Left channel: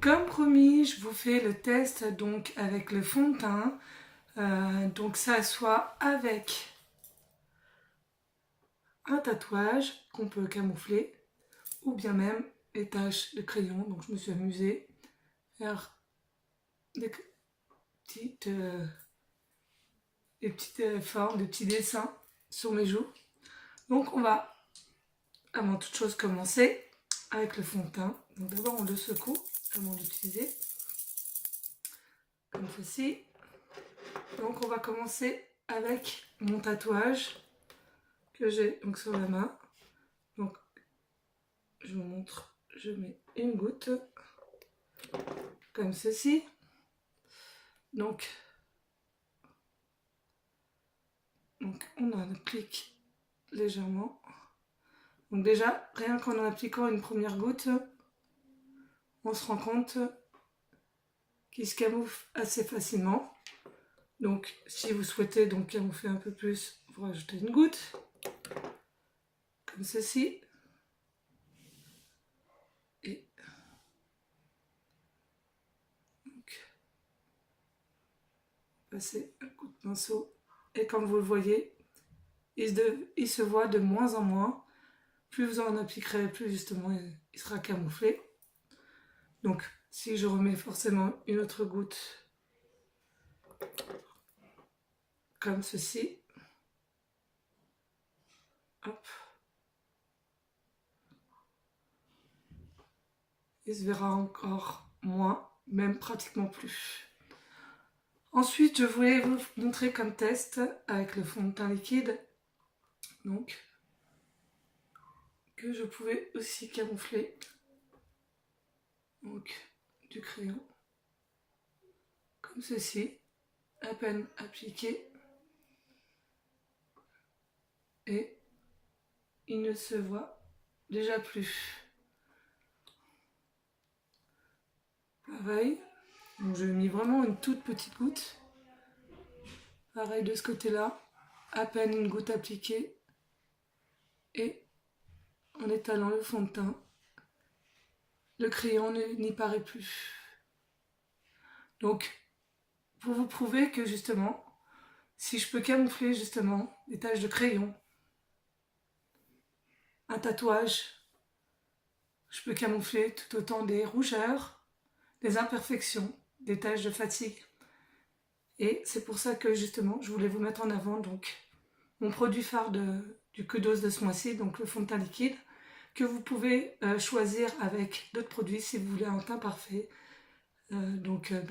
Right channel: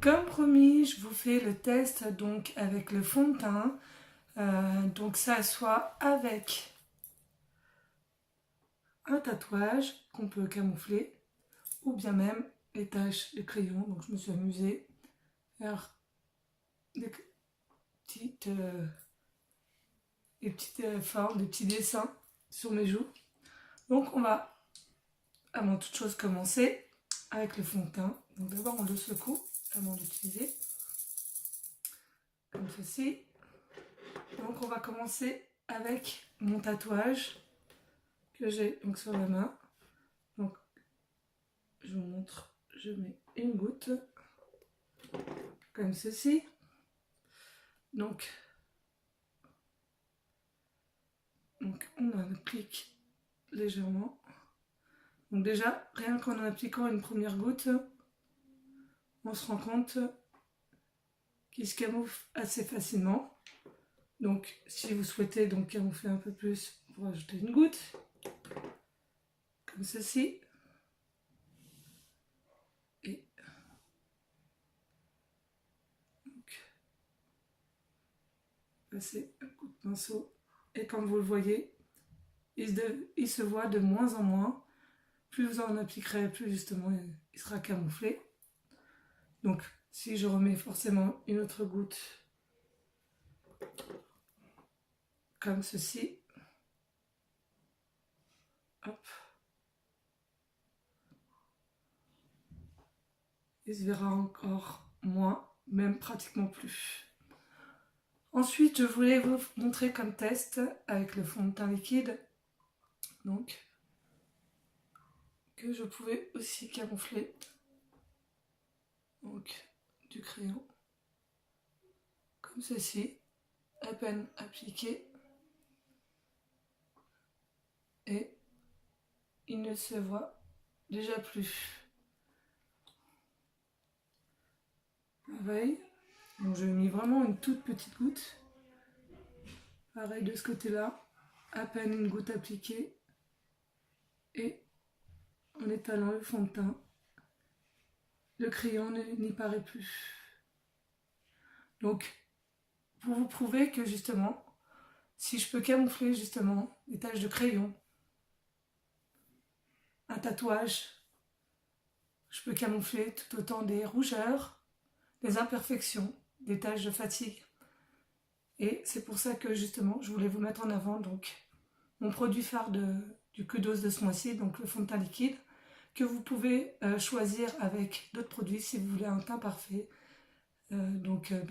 Comme promis, je vous fais le test donc avec le fond de teint. Donc ça soit avec un tatouage qu'on peut camoufler ou bien même les taches de crayon. Donc je me suis amusée à faire des petites formes, des petits dessins sur mes joues. Donc on va avant toute chose commencer avec le fond de teint. Donc d'abord on le secoue avant d'utiliser comme ceci. Donc on va commencer avec mon tatouage que j'ai donc sur la main. Donc je vous montre, je mets une goutte comme ceci. Donc on en applique légèrement. Donc déjà, rien qu'en appliquant une première goutte, on se rend compte qu'il se camoufle assez facilement. Donc si vous souhaitez donc camoufler un peu plus, vous rajoutez une goutte, comme ceci. Et donc, passez un coup de pinceau. Et comme vous le voyez, il se voit de moins en moins. Plus vous en appliquerez, plus justement il sera camouflé. Donc si je remets forcément une autre goutte, comme ceci, hop, il se verra encore moins, même pratiquement plus. Ensuite, je voulais vous montrer comme test avec le fond de teint liquide, donc que je pouvais aussi camoufler donc du crayon comme ceci, à peine appliqué, et il ne se voit déjà plus. Pareil, donc j'ai mis vraiment une toute petite goutte. Pareil de ce côté-là, à peine une goutte appliquée, et en étalant le fond de teint, le crayon n'y paraît plus. Donc, pour vous prouver que justement, si je peux camoufler justement des taches de crayon, un tatouage, je peux camoufler tout autant des rougeurs, des imperfections, des taches de fatigue. Et c'est pour ça que justement, je voulais vous mettre en avant donc mon produit phare du Kudos de ce mois-ci, donc le fond de teint liquide, que vous pouvez choisir avec d'autres produits si vous voulez un teint parfait.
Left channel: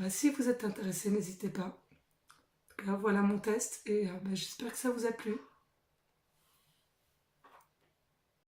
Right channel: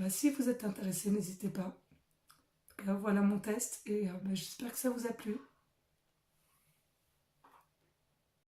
Si vous êtes intéressé, n'hésitez pas. Voilà mon test et j'espère que ça vous a plu.